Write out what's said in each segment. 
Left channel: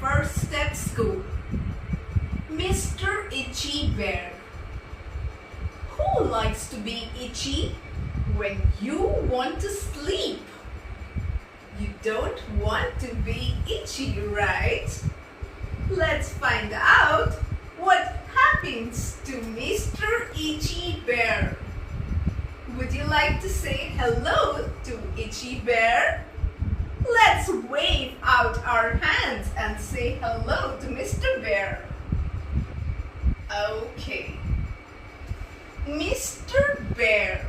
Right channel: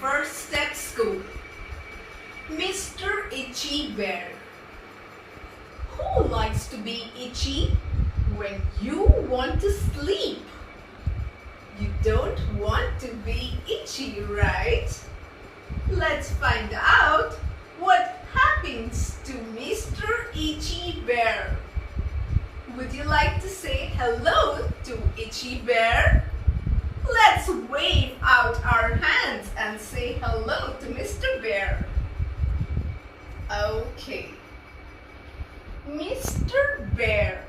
first at school. Mr. Itchy Bear. Who likes to be itchy when you want to sleep? You don't want to be itchy, right? Let's find out what happens to Mr. Itchy Bear. Would you like to say hello to Itchy Bear? Let's wave out our hands and say hello to Mr. Bear. Okay. Mr. Bear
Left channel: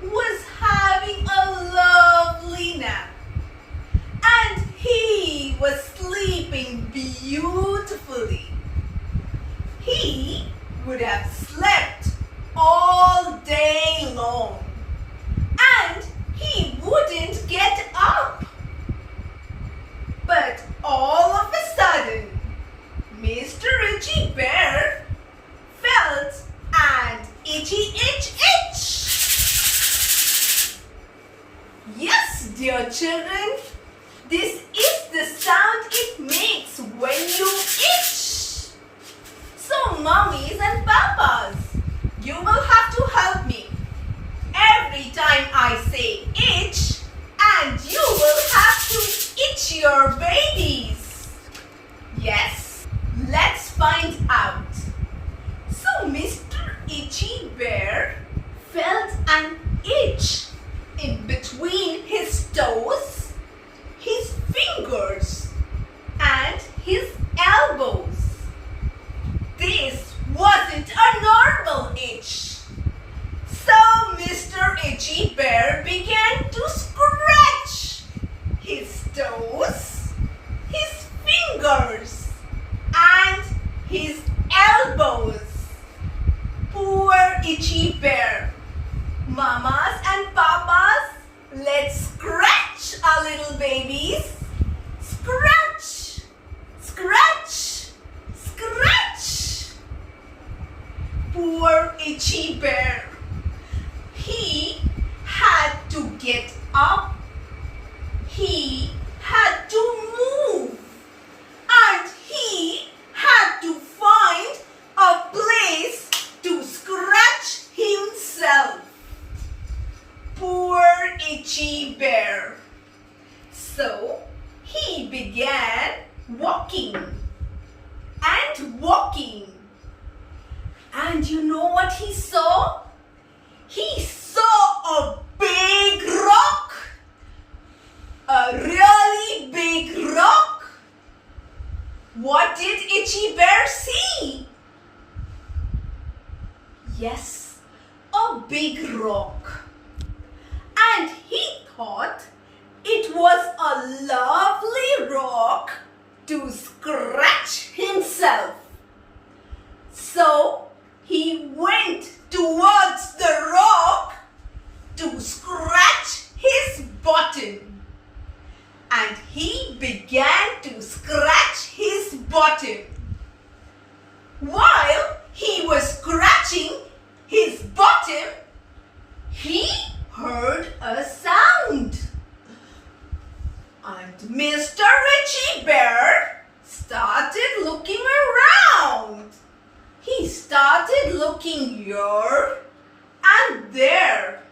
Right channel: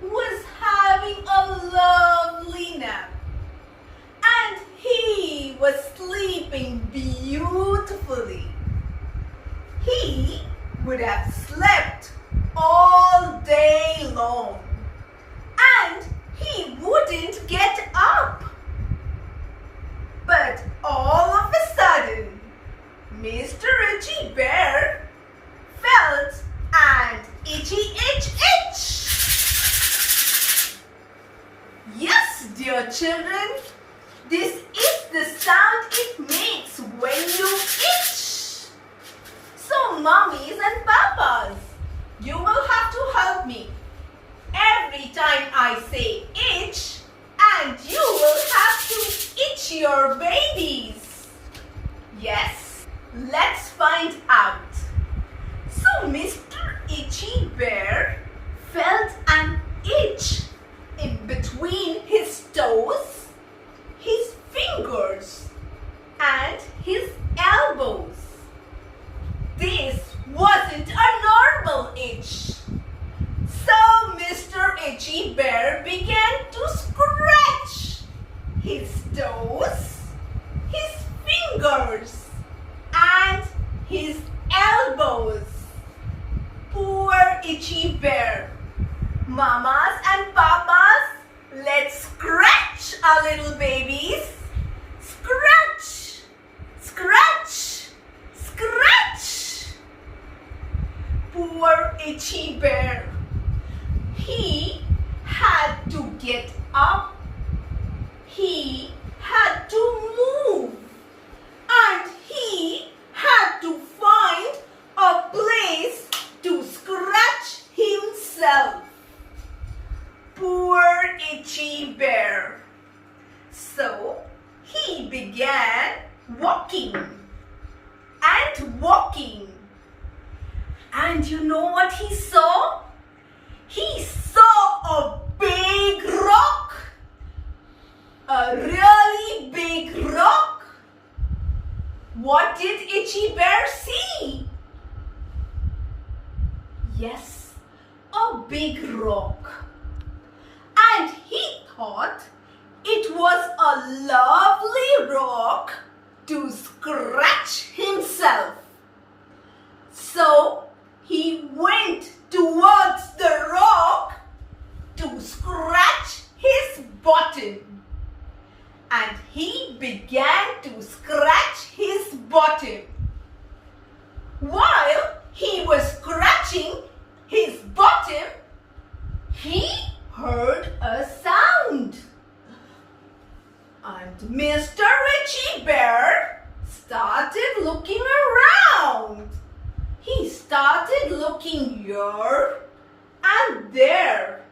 was having a lovely nap and he was sleeping beautifully. He would have slept all day long and he wouldn't get up. But all of a sudden, Mr. Itchy Bear felt an itchy itch. Yes, dear children, this is the sound it makes when you itch. So mummies and papas, you will have to help me every time I say itch, and you will have to itch your babies. Yes, let's find out. So Mr. Itchy Bear felt an itch in between his toes, his fingers, and his elbows. This wasn't a normal itch. So Mr. Itchy Bear began to scratch his toes, his fingers, and his elbows. Poor Itchy Bear. Mamas and papas, let's scratch our little babies. Scratch, scratch, scratch. Poor Itchy Bear. He had to get up. He had to move. And he had to find a place to scratch himself. Poor Itchy Bear. So he began walking and walking. And you know what he saw? He saw a big rock. A really big rock. What did Itchy Bear see? Yes, a big rock. And he thought it was a lovely rock to scratch himself. So he went towards the rock to scratch his bottom. And he began to scratch his bottom. While he was scratching his bottom, he heard a sound. And Mr. Itchy Bear started looking around. He started looking here and there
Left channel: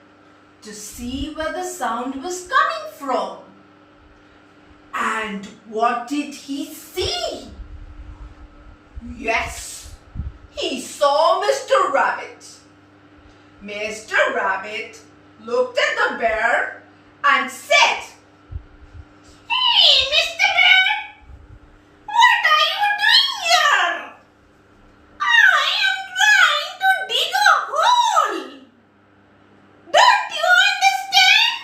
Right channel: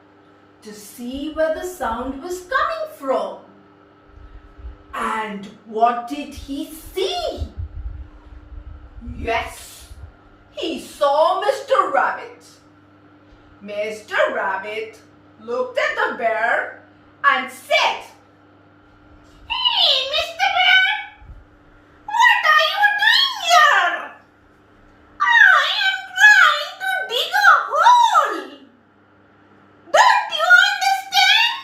to see where the sound was coming from. And what did he see? Yes, he saw Mr. Rabbit. Mr. Rabbit looked at the bear and said, "Hey, Mr. Bear, what are you doing here? I am trying to dig a hole. Don't you understand?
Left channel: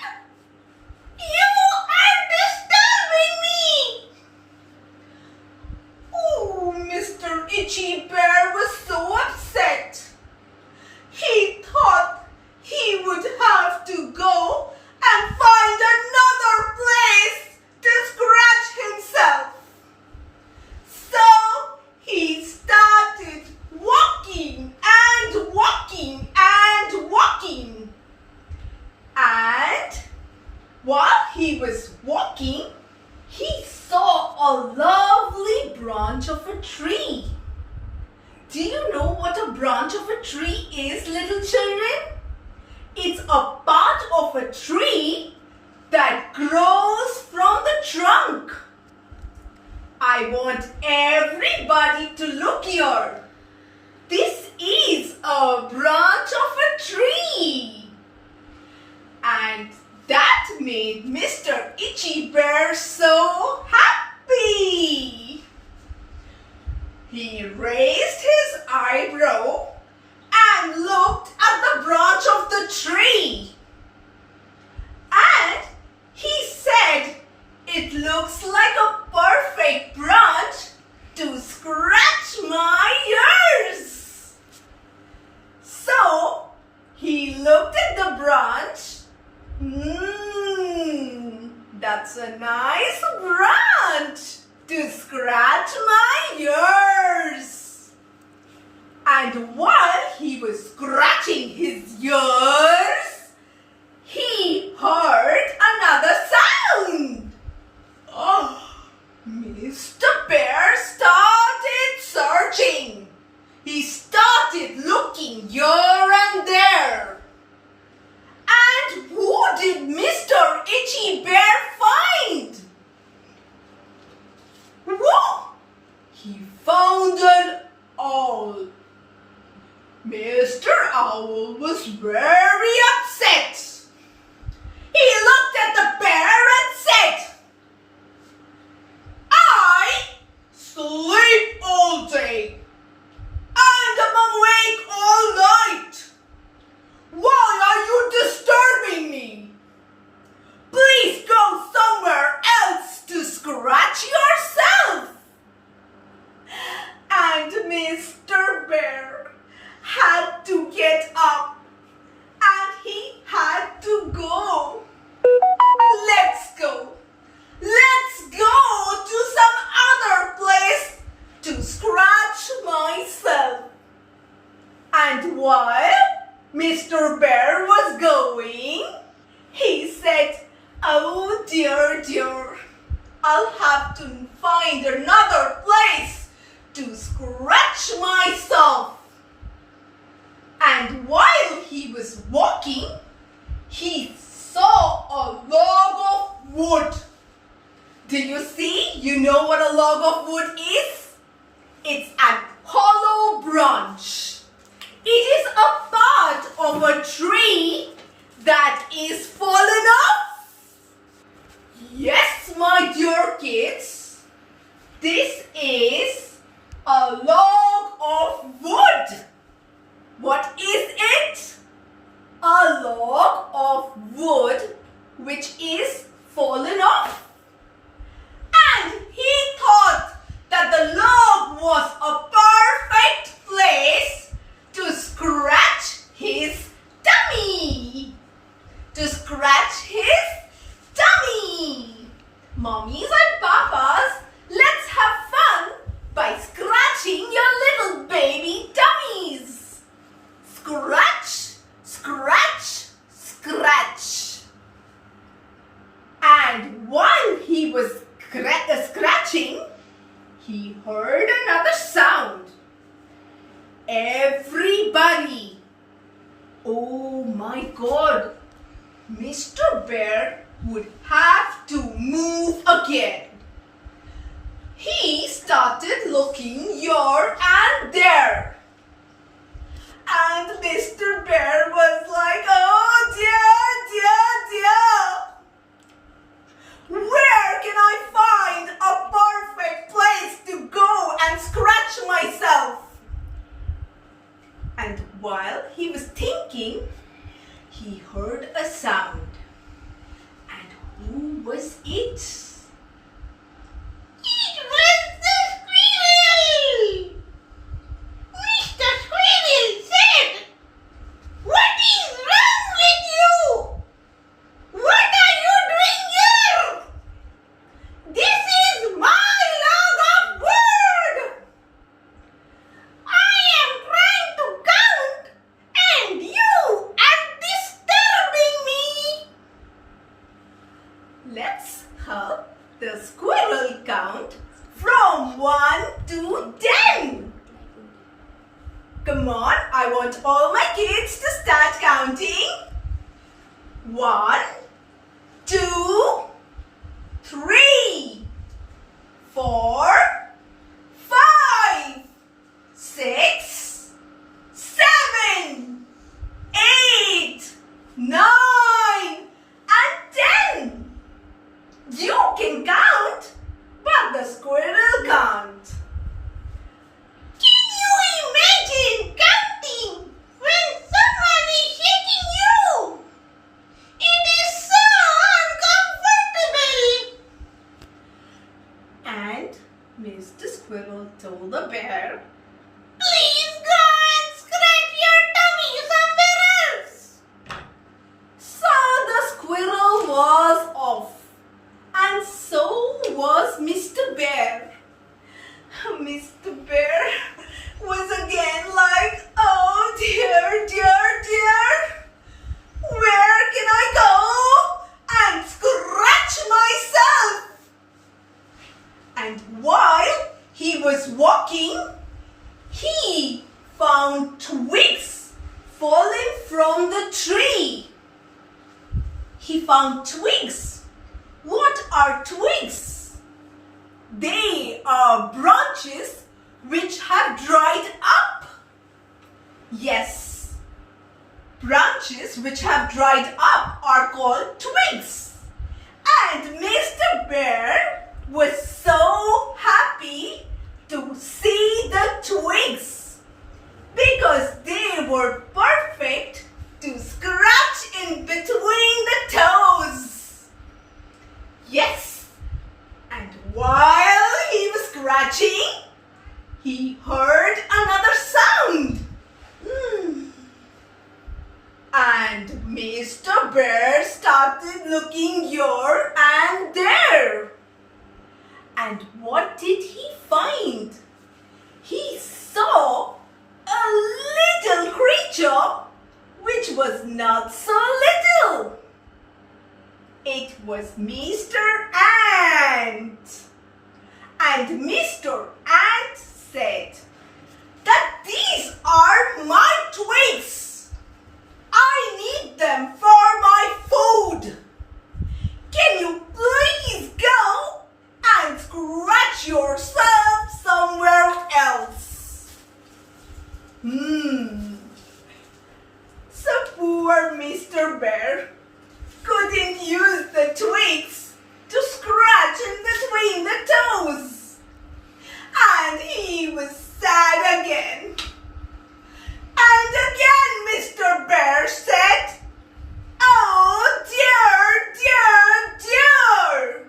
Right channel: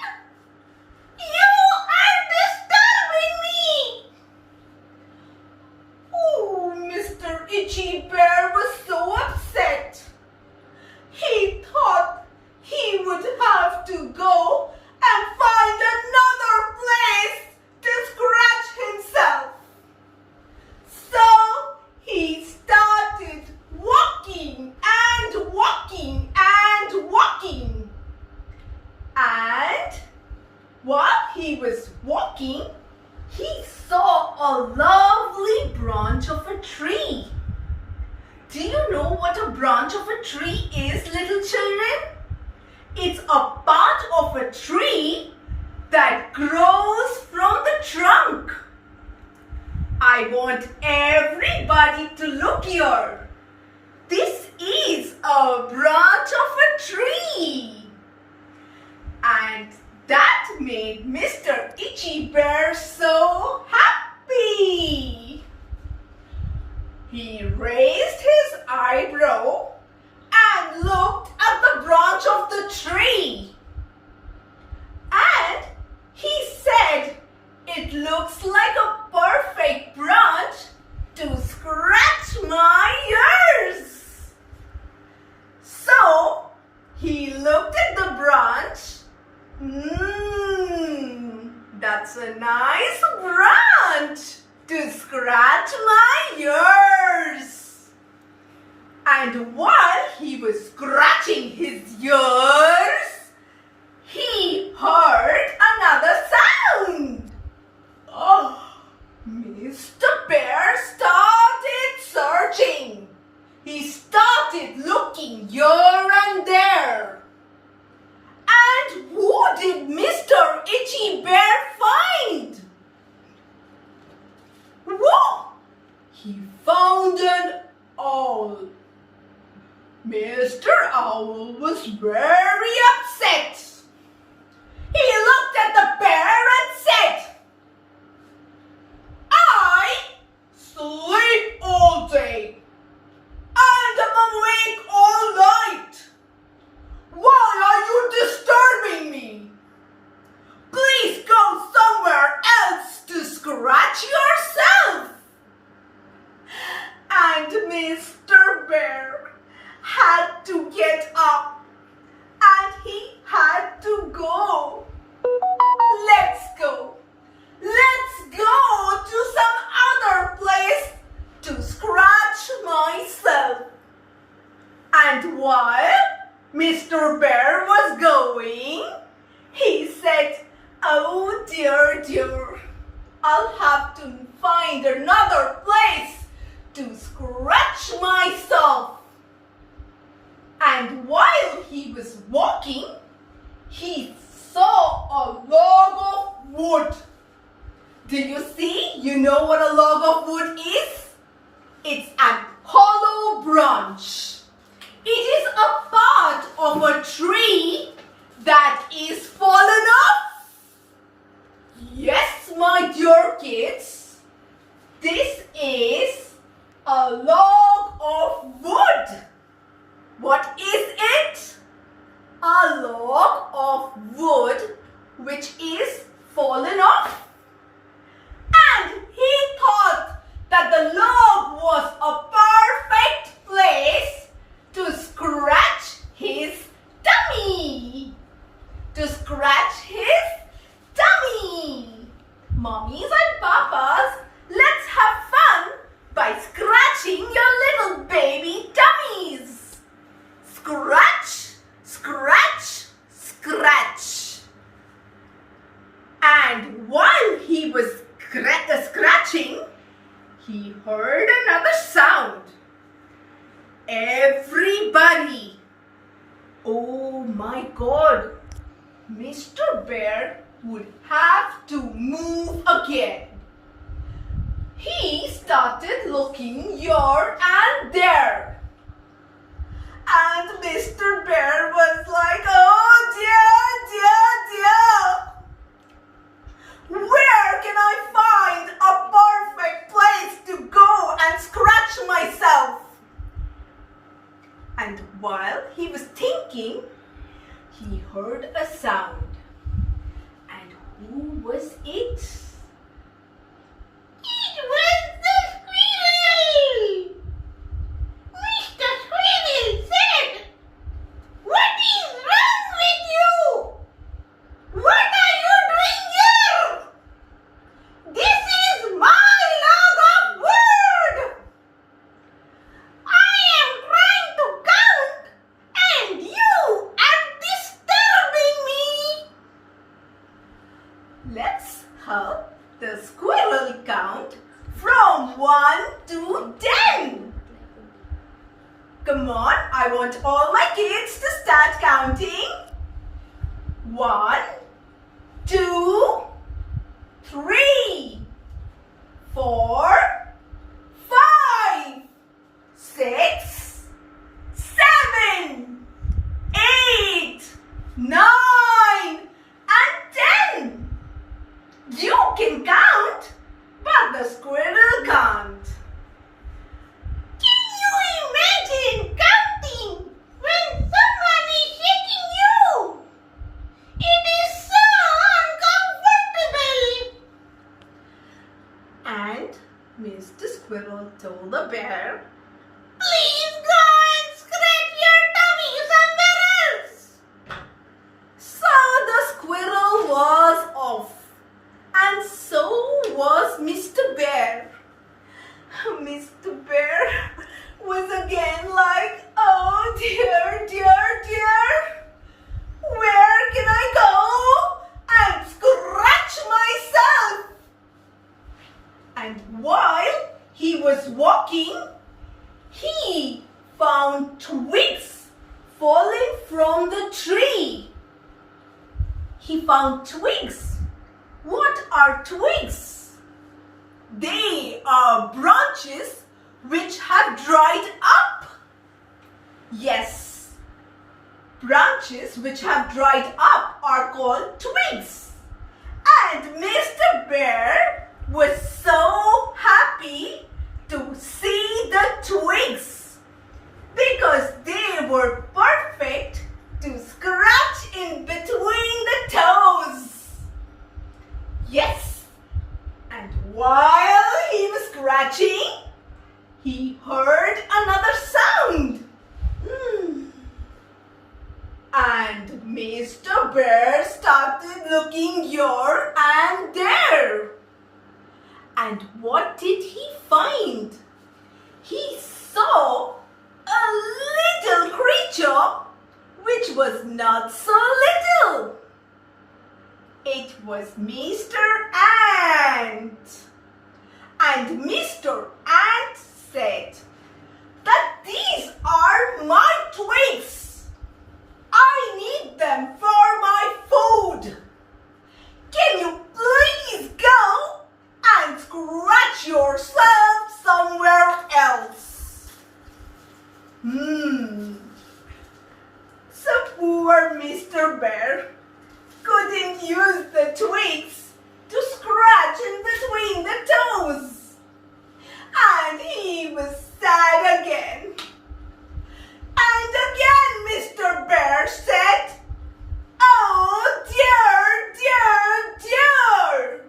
You are disturbing me." Oh, Mr. Itchy Bear was so upset. He thought he would have to go and find another place to scratch himself. So he started walking and walking and walking. And while he was walking, he saw a lovely branch of a tree. Do you know what a branch of a tree is, little children? It's a part of a tree that grows from the trunk. I want everybody to look here. This is a branch of a tree. And that made Mr. Itchy Bear so happy. He raised his eyebrow and looked at the branch of the tree. And he said, "It looks like a perfect branch to scratch my ears." So he looked at the branch. That's a nice branch to scratch my ears. And while he was scratching his ears, he heard another sound. Oh, Mr. Bear started searching. He started looking here and there. And who did Mr. Itchy Bear find? Whoa! He found an owl. Mr. Owl was very upset. He looked at the bear and said, "I sleep all day and I'm awake all night. Why are you disturbing me? Please go somewhere else to scratch yourself." And Mr. Bear had to get up and he had to go. Let's go. Let's go to some other place to scratch myself. And while Mr. Bear was going, he said, "Oh dear, dear, I'll have to find another place to scratch myself." And while he was walking, he saw a log of wood. Do you see? You know what a log of wood is? It's an hollow branch. It is a part of a tree that is fallen off. Yes, my dear kids, this is a log of wood. What is it? A log of wood which is fallen off. And he thought that the log was a perfect place to scratch his tummy. To scratch his tummy. Mommies and papas, let's have fun by scratching your little baby tummies. Scratch, scratch, scratch. And while he was scratching, he heard another sound. Everybody. Oh my God. Mr. Bear would have to move again. He started looking here and there. And Mr. Bear was like, "Oh dear, dear, dear. Where can I find a perfect place to go and scratch myself?" And while he was thinking, he heard a sound. And who was it? It was the squirrel! Mr. Squirrel said, "What is wrong with you? What are you doing here? This is my log of wood. I am trying to count and you are disturbing from 1 to 10. Come on, I want all my kids to start counting. 1, 2, 3, 4, 5, 6, 7, 8, 9, and 10. You can count, but the squirrel can't. Can you imagine counting when someone is shaking you? It is so uncomfortable. And Mr. Squirrel told the bear, "Please go and scratch your tummy somewhere else." So the squirrel was off, and so was Mr. Bear. Mr. Bear was again like, "Oh dear, dear, dear. Where can I go and scratch myself?" And while he was walking, he found twigs falling from the tree. He found twigs. What are twigs? They are branches which have dried up. Yes, branches which have dried up are called twigs. And Mr. Bear was so happy to see the twigs because they were perfect to scratch in between the toes. Yes, and while he was scratching, he heard another sound. And Mr. Bear started looking here and there. And what did he find? He saw a little creature which was not so little. It was Mr. Ant. And Mr. Ant said that these are my twigs. I need them for my food. Can you please go and scratch yourself somewhere else? So poor Mr. Bear couldn't use the twigs to scratch in between the toes. And he was sad again. And again Mr. Bear said, "Oh dear, dear, dear."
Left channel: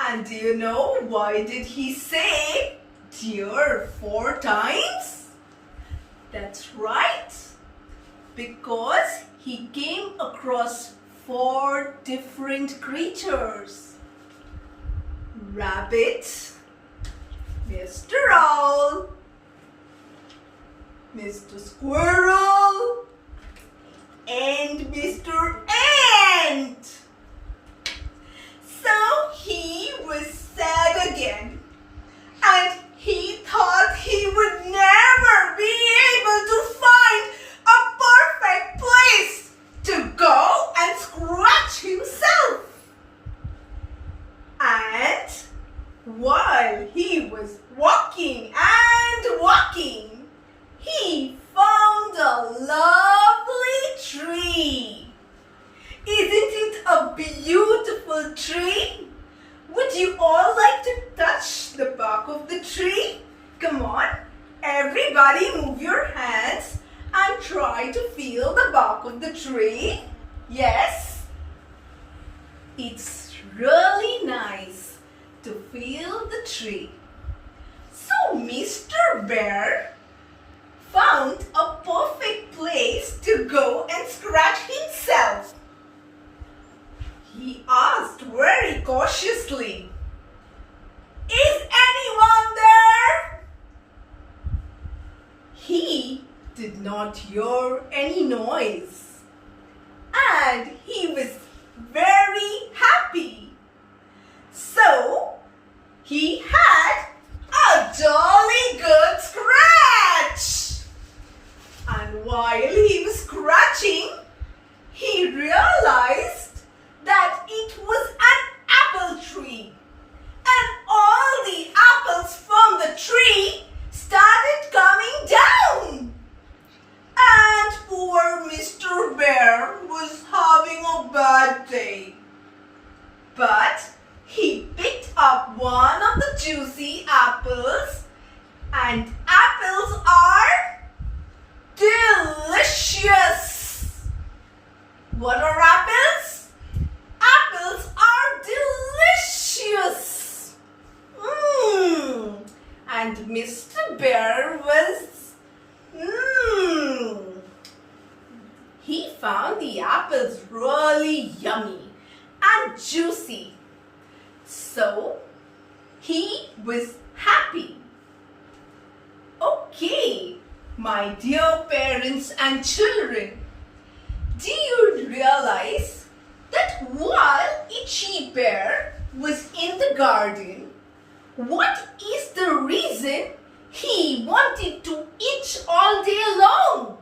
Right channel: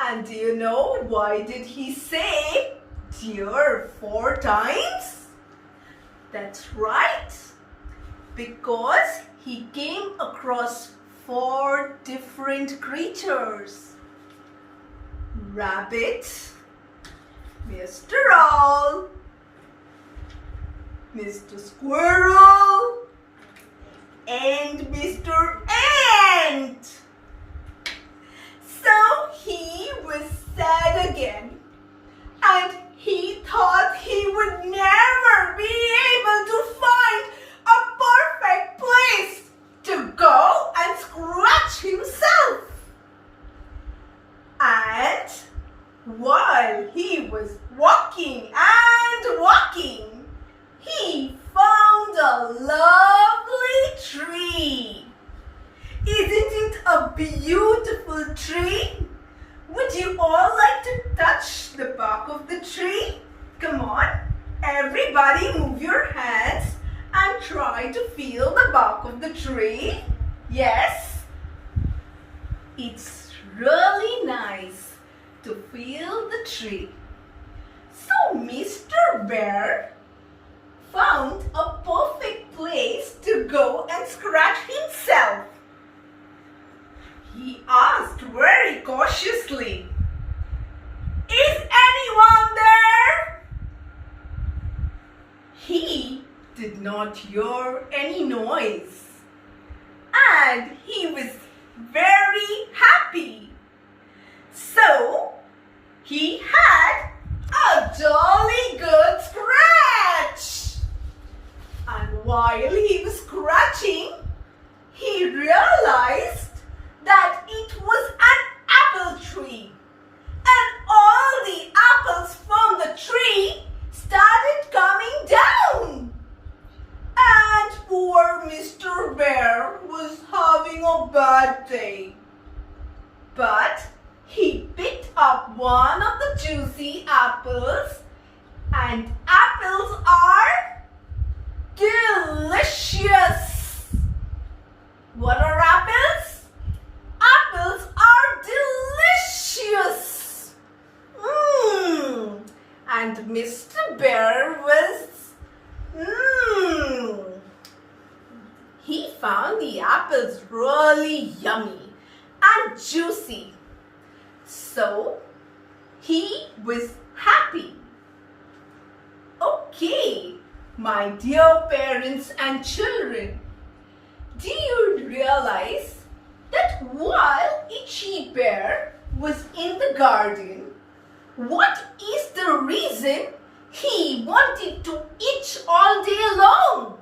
And do you know why did he say dear 4 times? That's right. Because he came across 4 different creatures. Rabbit, Mr. Owl, Mr. Squirrel, and Mr. Ant. So he was sad again, and he thought he would never be able to find a perfect place to go and scratch himself. And while he was walking and walking, he found a lovely tree. Isn't it a beautiful tree? Would you all like to touch the bark of the tree? Come on, everybody move your hands and try to feel the bark of the tree. Yes, it's really nice to feel the tree. So Mr. Bear found a perfect place to go and scratch himself. He asked very cautiously, "Is anyone there?" He did not hear any noise, and he was very happy. So he had juicy apples, and apples are delicious. What are apples? Apples are delicious. And Mr. Bear was he found the apples really yummy and juicy. So he was happy. Okay, my dear parents and children, do you realize that while Itchy Bear was in the garden, what is the reason he wanted to itch all day long?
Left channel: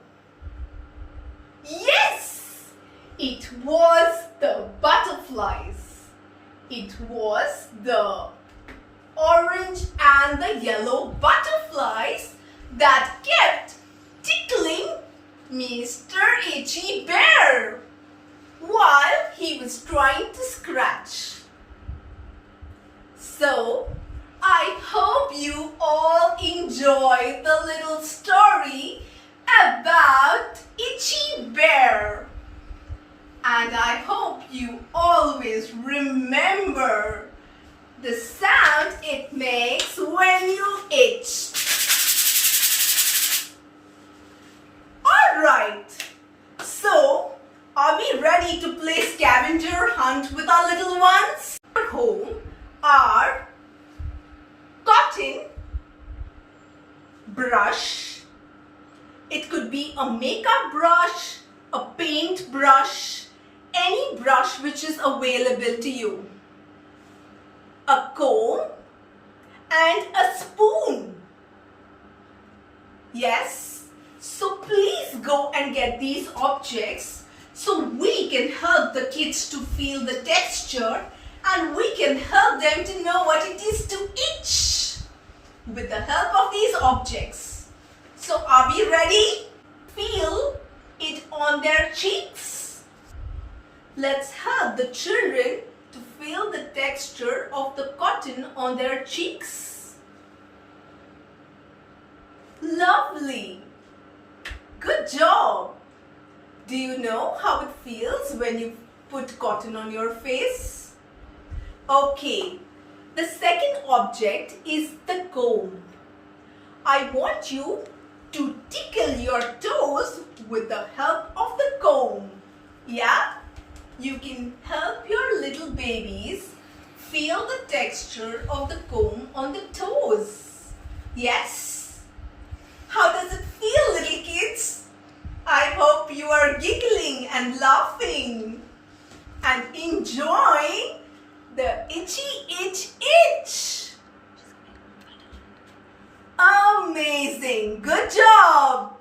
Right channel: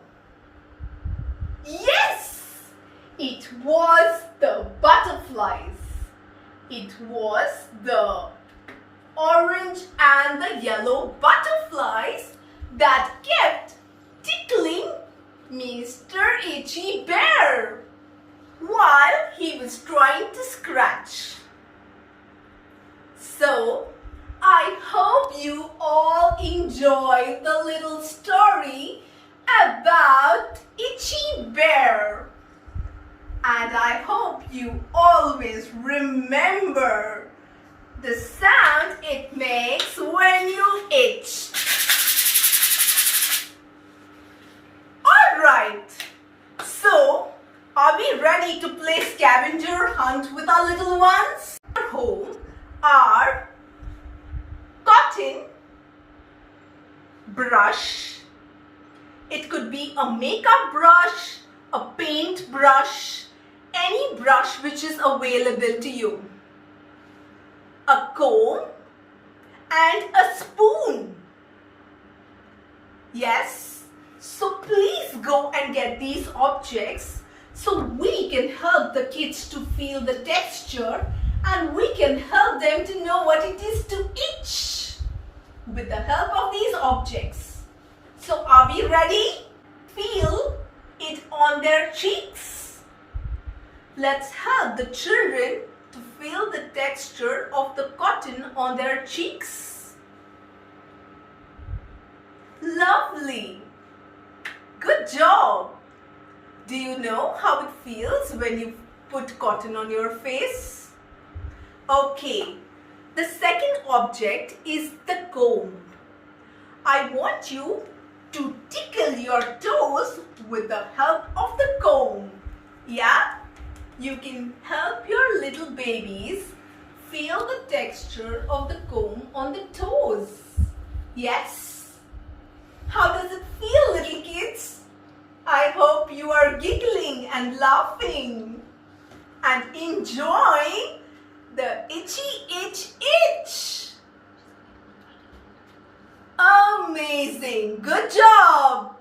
Yes, it was the butterflies. It was the orange and the yellow butterflies that kept tickling Mr. Itchy Bear while he was trying to scratch. So, I hope you all enjoyed the little story about Itchy Bear. And I hope you always remember the sound it makes when you itch. Alright, so are we ready to play scavenger hunt with our little ones? Our home are cotton, brush. It could be a makeup brush, a paint brush, any brush which is available to you. A comb and a spoon. Yes, so please go and get these objects so we can help the kids to feel the texture and we can help them to know what it is to itch with the help of these objects. So are we ready? Feel it on their cheeks. Let's help the children to feel the texture of the cotton on their cheeks. Lovely. Good job. Do you know how it feels when you put cotton on your face? Okay. The second object is the comb. I want you to tickle your toes with the help of the comb. Yeah? You can help your little babies feel the texture of the comb on the toes. Yes? How does it feel, little kids? I hope you are giggling and laughing and enjoying the itchy itch itch. Amazing! Good job!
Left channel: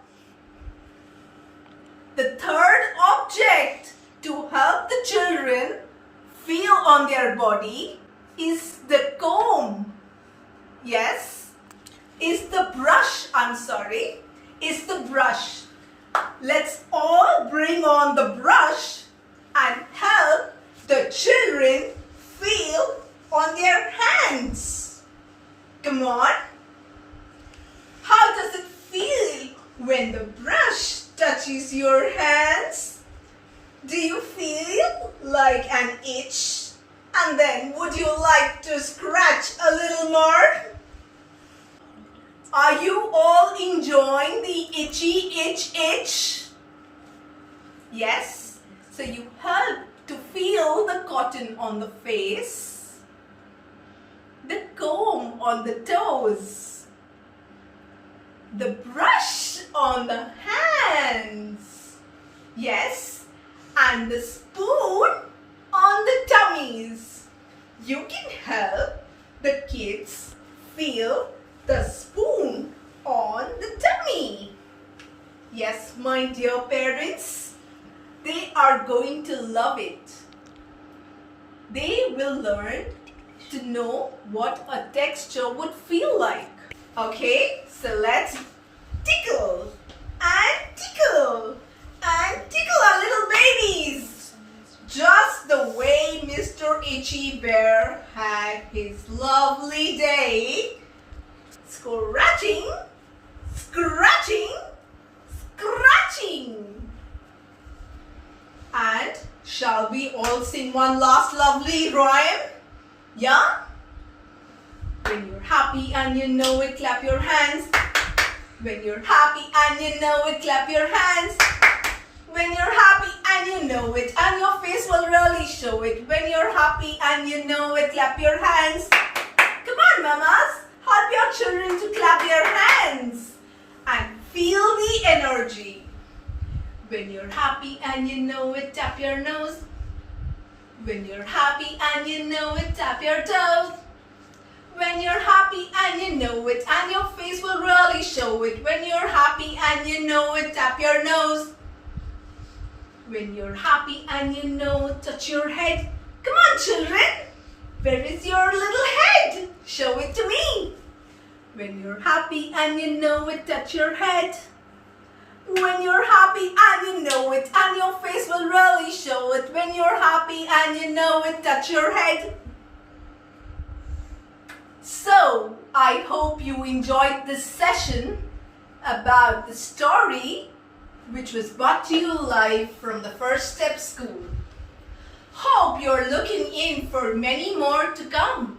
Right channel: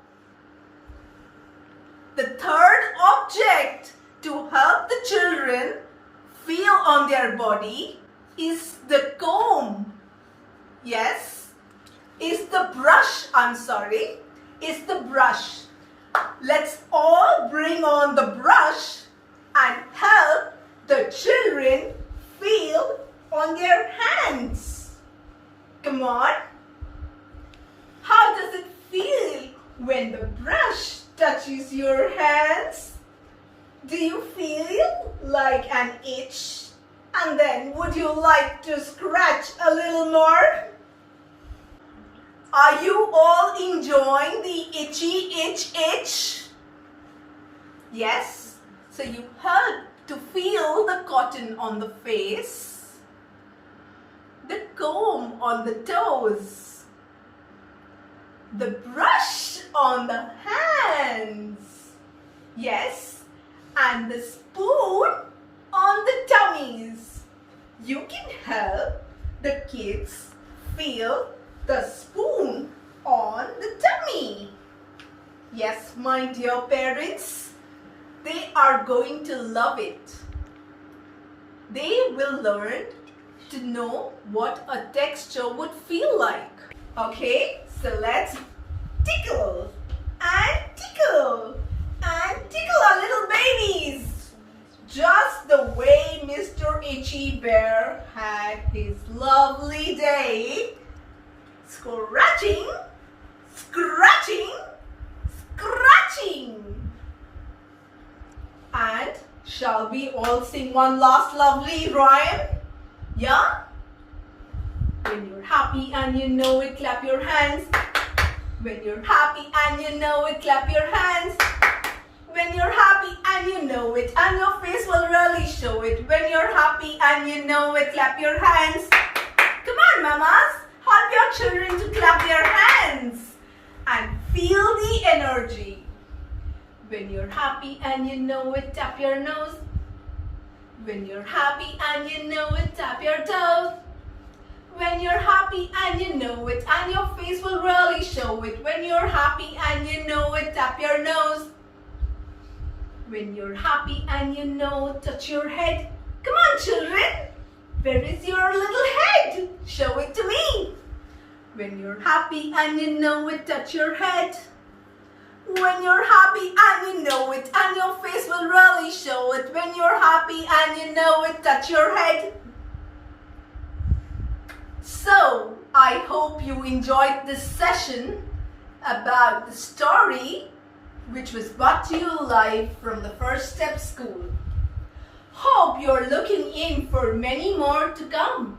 The third object to help the children feel on their body is the comb. Yes, is the brush. Is the brush. Let's all bring on the brush and help the children feel on their hands. Come on. How does it feel when the brush touches your hands? Do you feel like an itch? And then would you like to scratch a little more? Are you all enjoying the itchy itch itch? Yes? So you help to feel the cotton on the face, the comb on the toes, the brush on the hands. Yes? And the spoon on the tummies. You can help the kids feel the spoon on the tummy. Yes, my dear parents, they are going to love it. They will learn to know what a texture would feel like. Okay, so let's tickle and tickle and tickle our little babies. just the way Mr. Itchy Bear had his lovely day. Scratching, scratching, scratching. And shall we all sing one last lovely rhyme? Yeah? When you're happy and you know it, clap your hands. When you're happy and you know it, clap your hands. When you're happy and you know it, and your face will really show it. When you're happy and you know it, clap your hands. Come on, mamas, help your children to clap their hands and feel the energy. When you're happy and you know it, tap your nose. When you're happy and you know it, tap your toes. When you're happy and you know it, and your face will really show it. When you're happy and you know it, tap your nose. When you're happy and you know it, touch your head. Come on, children. Where is your little head? Show it to me. When you're happy and you know it, touch your head. When you're happy and you know it, and your face will really show it. When you're happy and you know it, touch your head. So, I hope you enjoyed this session about the story which was brought to you live from the First Step School. Hope you're looking in for many more to come.